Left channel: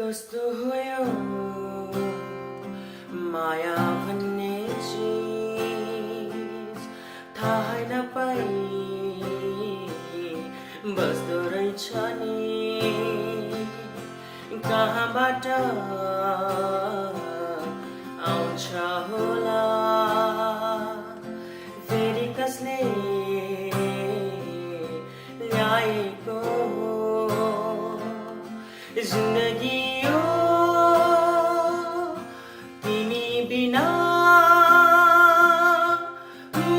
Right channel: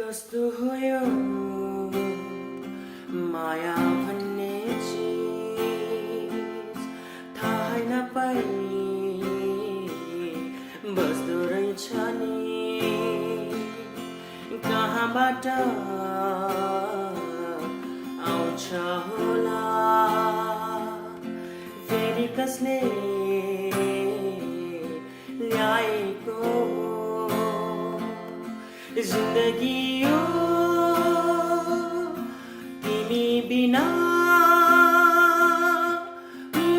कस्तो हो यो माया भन्ने चिज थाहै नपाई बस्दो रहेछ नि कहाँबाट आउँछ होला फेरि कसले ल्याएको जिन्दगी यो तिमी बिना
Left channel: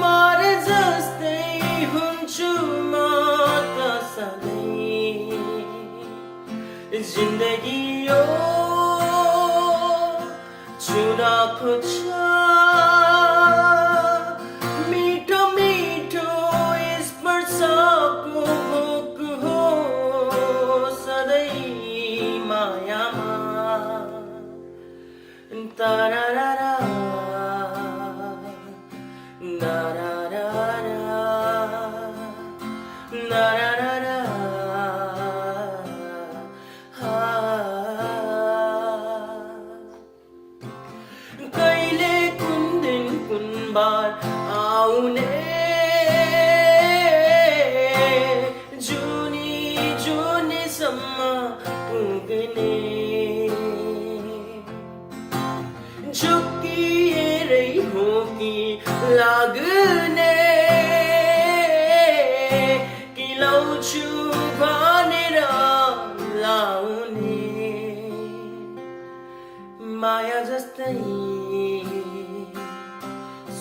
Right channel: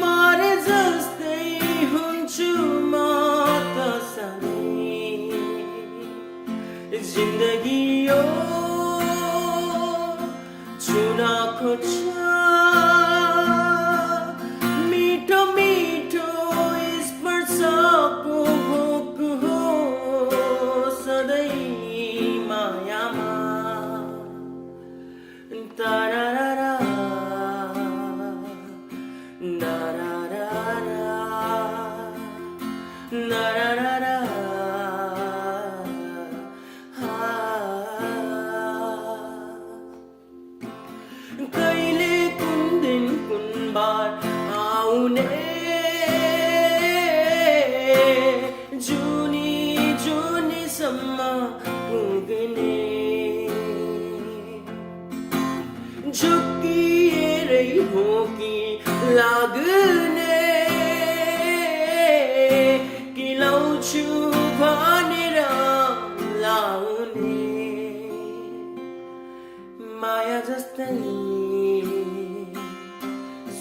मरे जस्तै हुन्छु म त सधैँ जिन्दगी यो चुनाको छ मिठो मिठो स्पर्शको भोक हो सधैँ मायामा तारारा नारारा नारारा कहिले कुन दिन कुन बार आउने जुनी जुनीसम्म पुग्ने झुक्किएरै हो कि लाग्ने कि लाउँछु भनेर लाउने माया जस्तै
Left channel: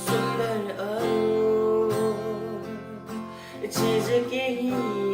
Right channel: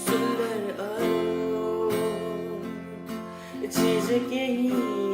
सुन्दर अरू चिज केही